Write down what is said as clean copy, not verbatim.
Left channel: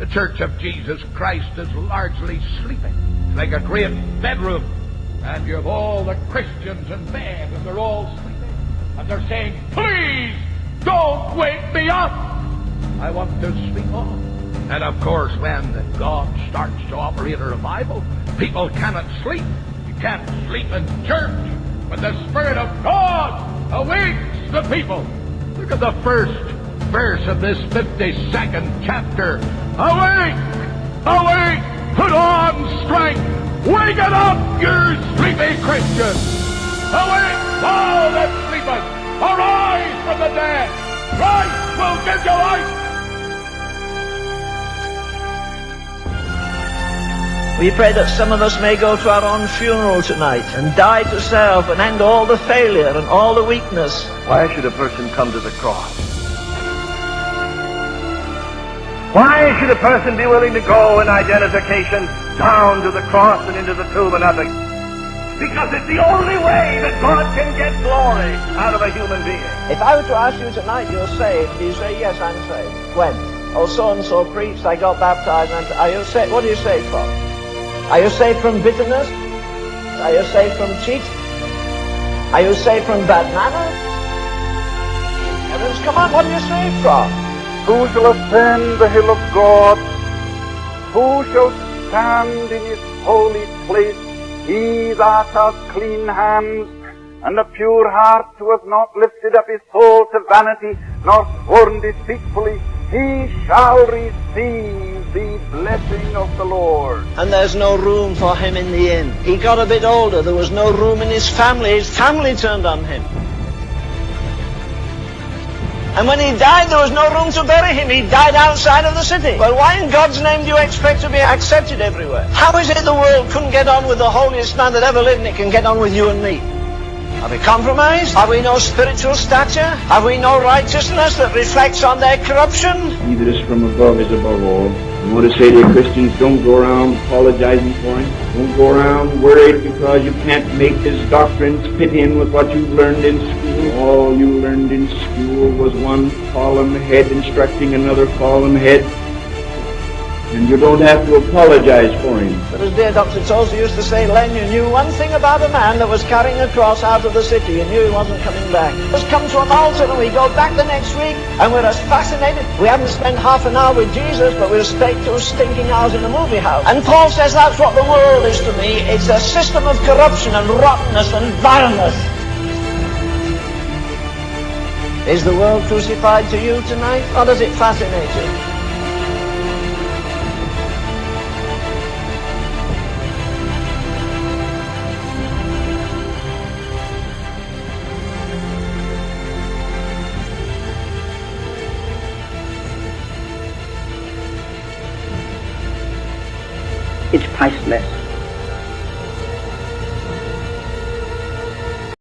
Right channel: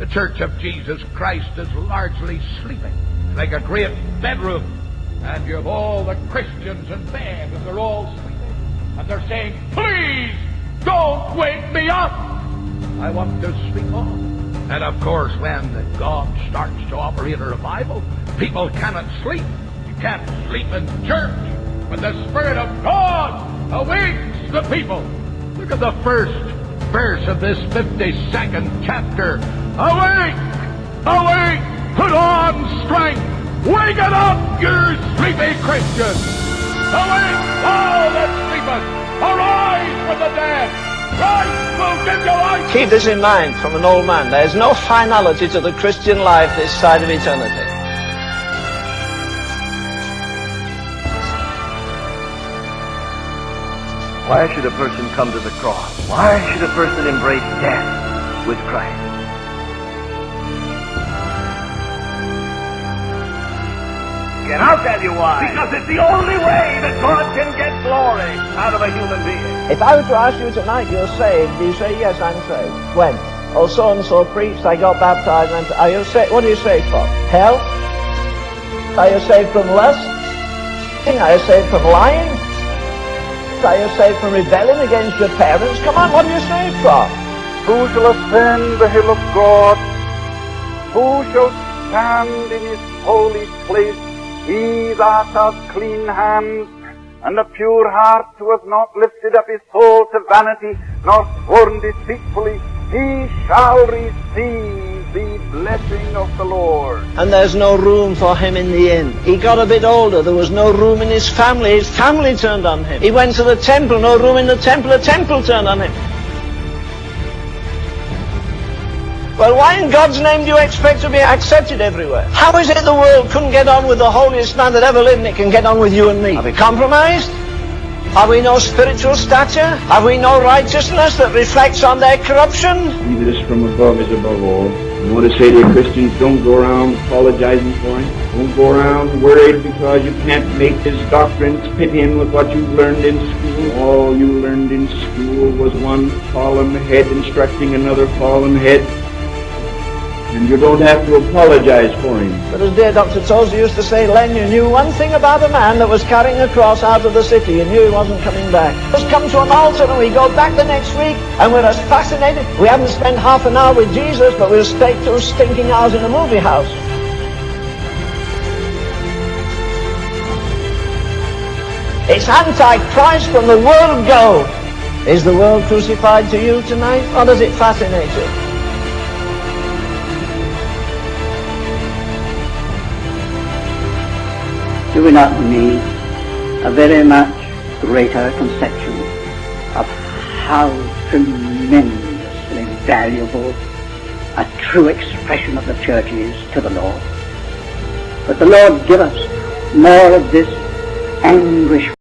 The Church of Jesus Christ is largely sleeping. It's like a great bedroom, and you have all the Christians in bed, and they're all sleeping. And they're saying, please, don't wake me up. I want to sleep on. And of course, when God starts to operate a revival, people cannot sleep. You can't sleep in church when the Spirit of God awakes the people. Look at the first verse of this 52nd chapter. Awake! Awake! Put on strength! Wake it up, you sleepy Christians! Awake, thou that sleepest! Arise from the dead! Christ will give you life! Keep this in mind from an old man. There is no finality to the Christian life this side of eternity. We pray that some of us may go to our own funeral tonight and die to self and end all the failure and all the weakness. Why should a person come to the cross? Why should a person embrace death with Christ? Why should a person be willing to go in identification down to the cross and into the tomb and up again? I'll tell you why. Because it's the only way that God can get glory out of a human being. If I were to ask you tonight, you're saved, do you say, yes, I'm saved? When? Oh, so-and-so preached, I got baptized, and are you saved? What are you saved from? Hell? Are you saved from bitterness? Are you saved from lust? Are you saved from cheating? Are you saved from lying? Are you saved from bad manners? Are you saved from rebelling against your parents? Come on, what are you saved from? Who shall ascend the hill of God? Who shall stand in his holy place? He that hath clean hands and a pure heart, who hath not lifted up his soul to vanity, nor sworn deceitfully, he shall receive the blessing of the Lord. And there's no room for him in the inn. He got a bit older, there was no room in his family. His family turned on him. He went to the temple, no room in the temple turned on him. And when he died, there was no room to bury him. He died outside of the city. Well, why in God's name do you expect to be accepted everywhere? How is it the world couldn't get on with the holiest man that ever lived, and it can get on with you and me? Are we compromised? Are we compromised? Have we no spiritual stature? Have we no righteousness that reflects on their corruption? He that is from above is above all. I want to say to you, Christians, don't go around apologizing for him. Don't go around worried because you can't make his doctrines fit in with what you've learned in school. All you learned in school was one fallen head instructing another fallen head. And you don't have to apologize for him. But as dear Dr. Tozer used to say, Len, you knew one thing about a man that was carrying a cross out of the city. You knew he wasn't coming back. Let's come to an altar and we go back the next week and we're as fascinated. We haven't spent half an hour with Jesus, but we'll stay 2 stinking hours in a movie house. And Paul says that's what the world is to me. It's a system of corruption and rottenness and vileness. It's anti-Christ from the word go. Is the world crucified to you tonight, or does it fascinate you? Do we not need a very much greater conception of how tremendously valuable a true expression of the church is to the Lord? It's priceless. But the Lord give us more of this anguish